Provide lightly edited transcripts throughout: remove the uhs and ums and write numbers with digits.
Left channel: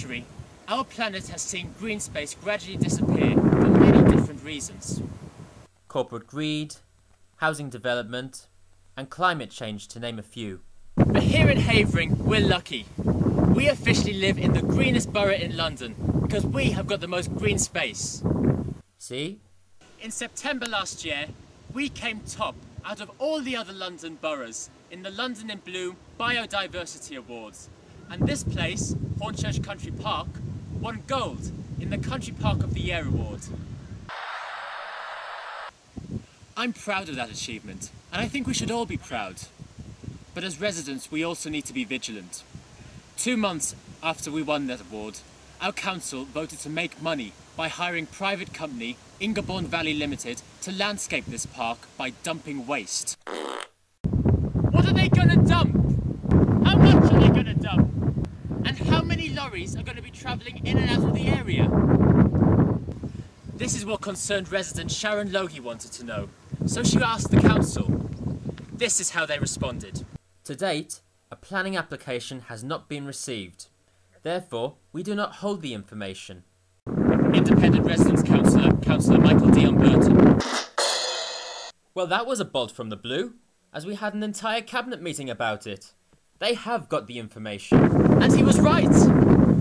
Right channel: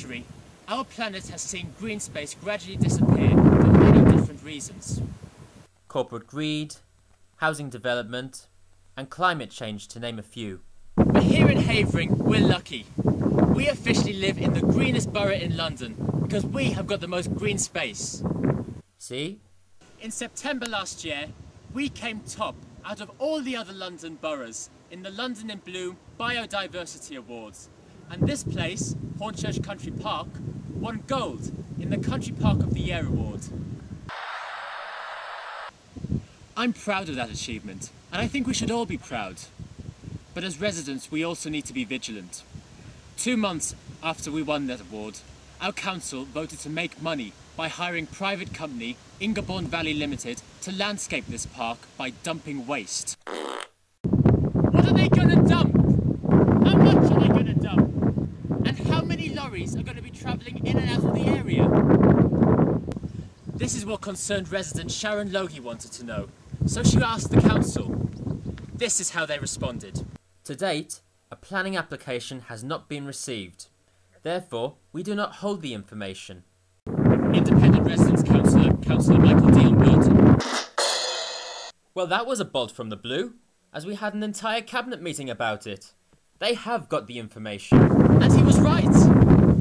century, our planet has seen green space gradually disappear for many different reasons. Corporate greed, housing development, and climate change, to name a few. But here in Havering, we're lucky. We officially live in the greenest borough in London because we have got the most green space. See? In September last year, we came top out of all the other London boroughs in the London in Bloom Biodiversity Awards. And this place, Hornchurch Country Park, won gold in the Country Park of the Year award. I'm proud of that achievement, and I think we should all be proud. But as residents, we also need to be vigilant. 2 months after we won that award, our council voted to make money by hiring private company Ingerbourne Valley Limited to landscape this park by dumping waste. What are they gonna dump? How much are they gonna dump? And how many lorries are gonna be travelling in and out of the area? This is what concerned resident Sharon Logie wanted to know, so she asked the council. This is how they responded. To date, a planning application has not been received. Therefore, we do not hold the information. Independent Residents Councillor Michael Dion Burton. Well, that was a bolt from the blue, as we had an entire cabinet meeting about it. They have got the information. And he was right.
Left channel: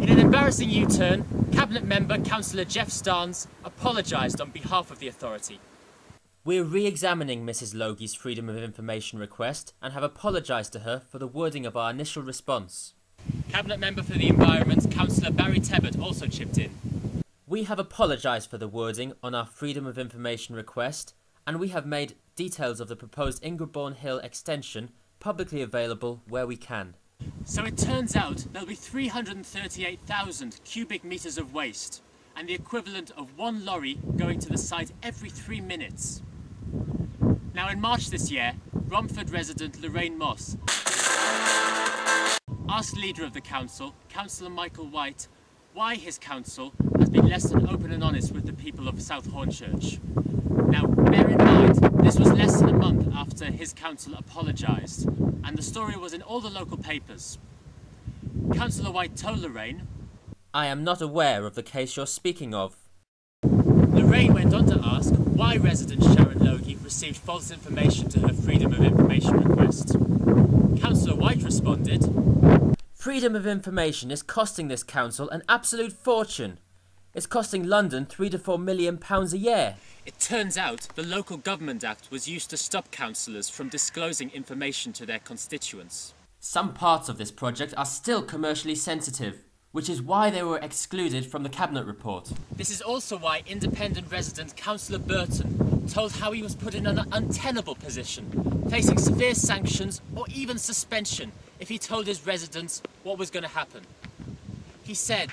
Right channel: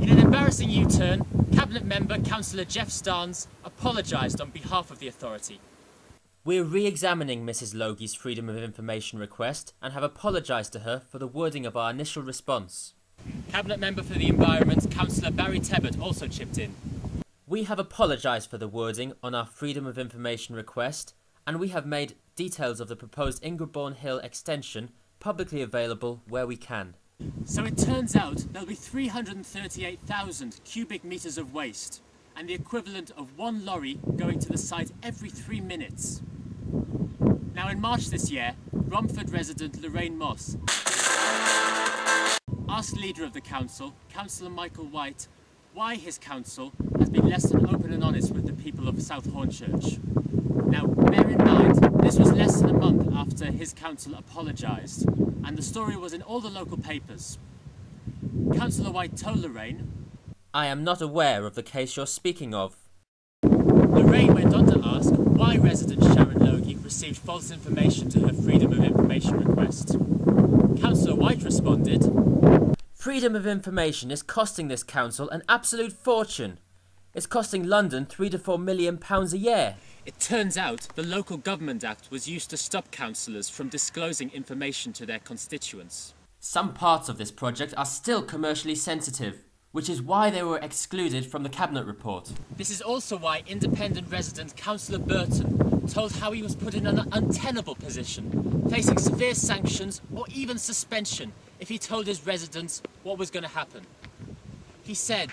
In an embarrassing U-turn, cabinet member Councillor Jeff Starnes apologised on behalf of the authority. We're re-examining Mrs. Logie's Freedom of Information request and have apologised to her for the wording of our initial response. Cabinet member for the Environment, Councillor Barry Tebbert, also chipped in. We have apologised for the wording on our Freedom of Information request, and we have made details of the proposed Ingerbourne Hill extension publicly available where we can. So it turns out there'll be 338,000 cubic metres of waste, and the equivalent of 1 lorry going to the site every 3 minutes. Now in March this year, Romford resident Lorraine Moss asked leader of the council, Councillor Michael White, why his council has been less than open and honest with the people of South Hornchurch. Now, bear in mind, this was less than a month after his council apologised, and the story was in all the local papers. Councillor White told Lorraine, I am not aware of the case you're speaking of. Lorraine went on to ask why resident Sharon Logie received false information to her Freedom of Information request. Councillor White responded, Freedom of Information is costing this council an absolute fortune. It's costing London £3 to £4 million a year. It turns out the Local Government Act was used to stop councillors from disclosing information to their constituents. Some parts of this project are still commercially sensitive, which is why they were excluded from the Cabinet report. This is also why independent resident Councillor Burton told how he was put in an untenable position, facing severe sanctions or even suspension if he told his residents what was going to happen. He said,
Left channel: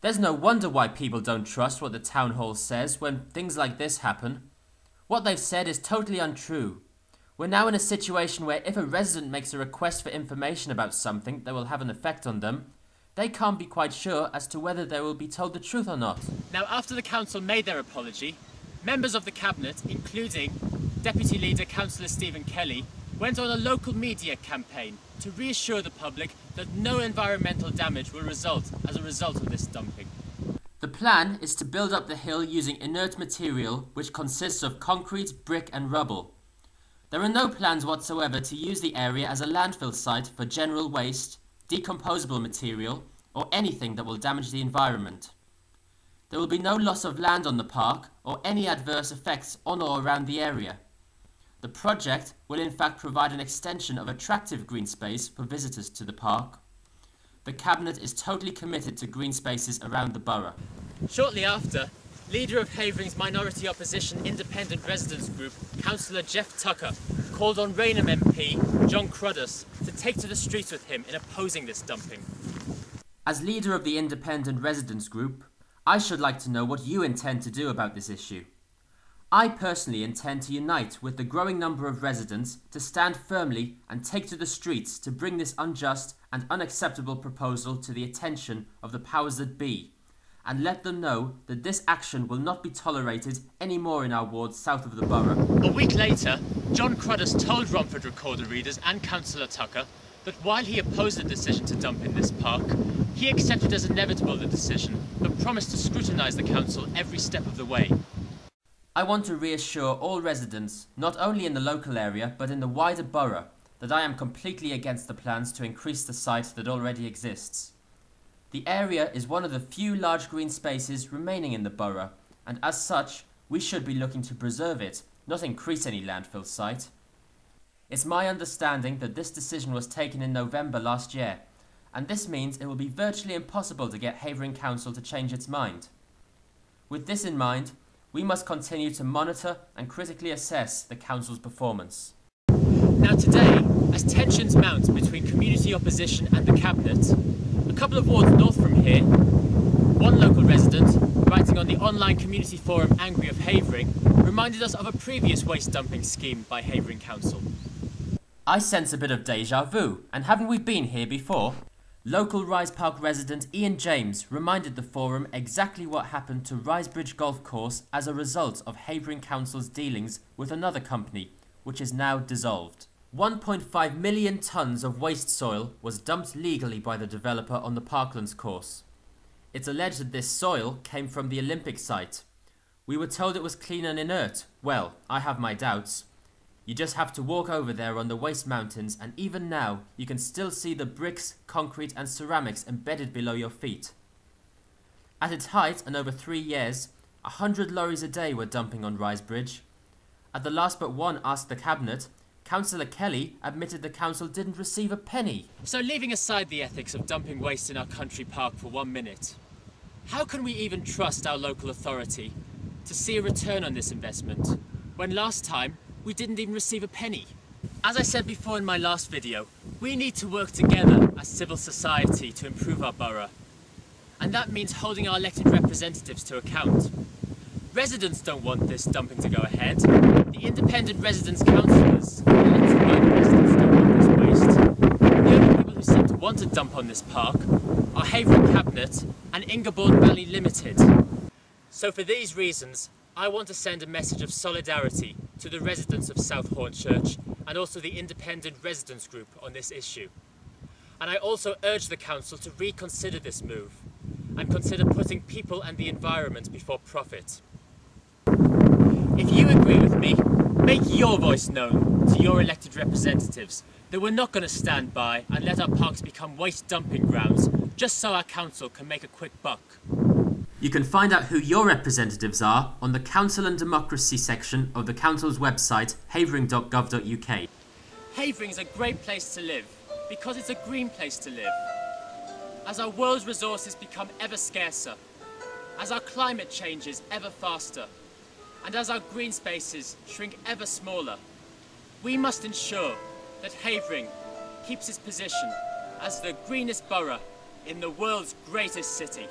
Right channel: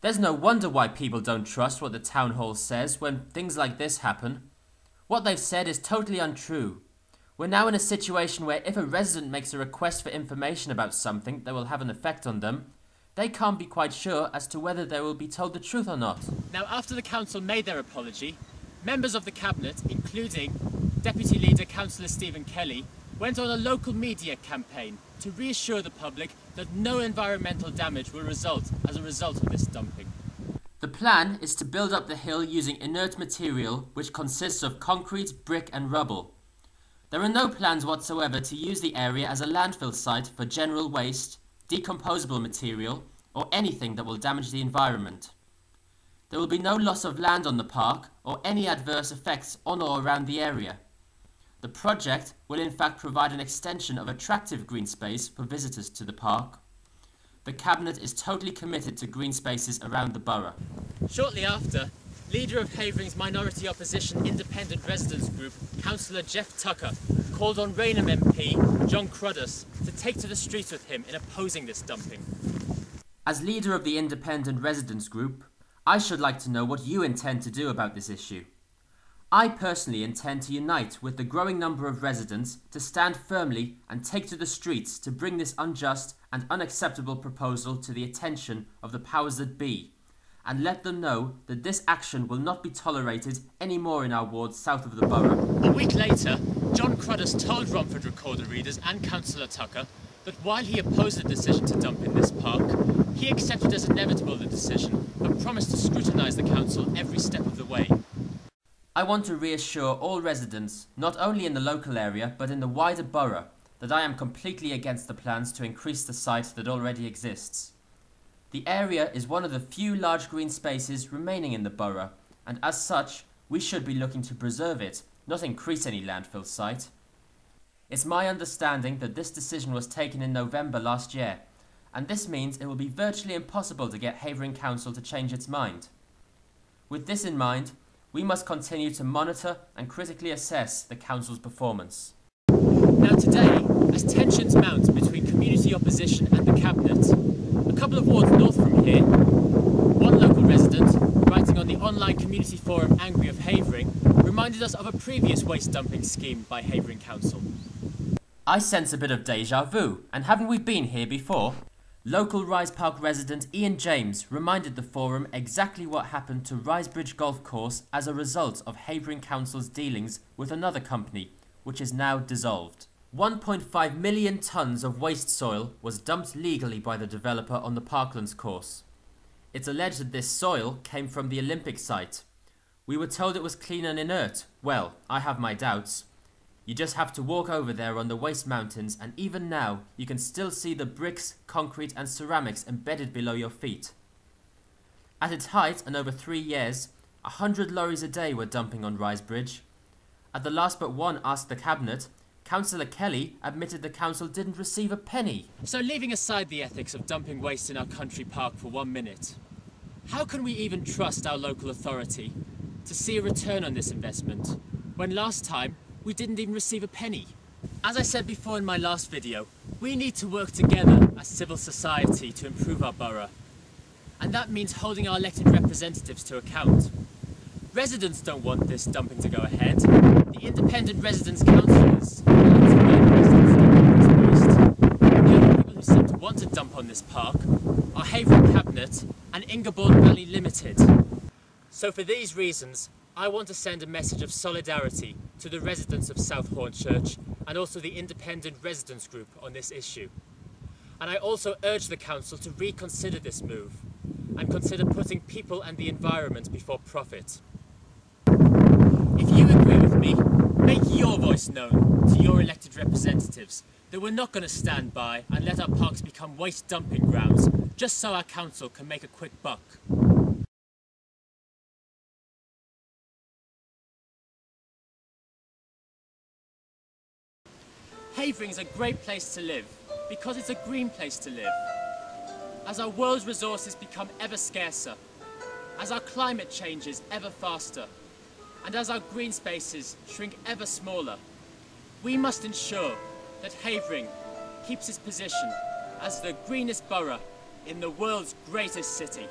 There's no wonder why people don't trust what the town hall says when things like this happen. What they've said is totally untrue. We're now in a situation where if a resident makes a request for information about something that will have an effect on them, they can't be quite sure as to whether they will be told the truth or not. Now, after the council made their apology, members of the cabinet, including Deputy Leader Councillor Stephen Kelly, went on a local media campaign to reassure the public that no environmental damage will result as a result of this dumping. The plan is to build up the hill using inert material which consists of concrete, brick and rubble. There are no plans whatsoever to use the area as a landfill site for general waste, decomposable material or anything that will damage the environment. There will be no loss of land on the park or any adverse effects on or around the area. The project will in fact provide an extension of attractive green space for visitors to the park. The Cabinet is totally committed to green spaces around the borough. Shortly after, leader of Havering's minority opposition independent residents group, Councillor Jeff Tucker, called on Rainham MP John Cruddas to take to the streets with him in opposing this dumping. As leader of the independent residents group, I should like to know what you intend to do about this issue. I personally intend to unite with the growing number of residents to stand firmly and take to the streets to bring this unjust and unacceptable proposal to the attention of the powers that be, and let them know that this action will not be tolerated anymore in our wards south of the borough. A week later, John Cruddas told Romford recorder readers and Councillor Tucker that while he opposed the decision to dump in this park, he accepted as inevitable the decision, but promised to scrutinise the council every step of the way. I want to reassure all residents, not only in the local area but in the wider borough, that I am completely against the plans to increase the site that already exists. The area is one of the few large green spaces remaining in the borough, and as such, we should be looking to preserve it, not increase any landfill site. It's my understanding that this decision was taken in November last year, and this means it will be virtually impossible to get Havering Council to change its mind. With this in mind, we must continue to monitor and critically assess the council's performance. Now today, as tensions mount between community opposition and the cabinet, a couple of wards north from here, one local resident, writing on the online community forum Angry of Havering, reminded us of a previous waste dumping scheme by Havering Council. I sense a bit of deja vu, and haven't we been here before? Local Rise Park resident Ian James reminded the forum exactly what happened to Risebridge Golf Course as a result of Havering Council's dealings with another company, which is now dissolved. 1.5 million tonnes of waste soil was dumped legally by the developer on the Parklands course. It's alleged that this soil came from the Olympic site. We were told it was clean and inert. Well, I have my doubts. You just have to walk over there on the waste mountains, and even now you can still see the bricks, concrete and ceramics embedded below your feet. At its height, and over 3 years, 100 lorries a day were dumping on Risebridge. At the last but one Ask the Cabinet, Councillor Kelly admitted the council didn't receive a penny. So leaving aside the ethics of dumping waste in our country park for 1 minute, how can we even trust our local authority to see a return on this investment, when last time we didn't even receive a penny? As I said before in my last video, we need to work together as civil society to improve our borough. And that means holding our elected representatives to account. Residents don't want this dumping to go ahead. The independent residents' councillors, elected by the residents, don't want this waste. The only people who seem to want to dump on this park are Havering Cabinet and Ingerborg Valley Limited. So for these reasons, I want to send a message of solidarity to the residents of South Hornchurch and also the independent residents group on this issue. And I also urge the council to reconsider this move and consider putting people and the environment before profit. If you agree with me, make your voice known to your elected representatives that we're not going to stand by and let our parks become waste dumping grounds just so our council can make a quick buck. You can find out who your representatives are on the Council and Democracy section of the council's website, havering.gov.uk. Havering is a great place to live because it's a green place to live. As our world's resources become ever scarcer, as our climate changes ever faster, and as our green spaces shrink ever smaller, we must ensure that Havering keeps its position as the greenest borough in the world's greatest city.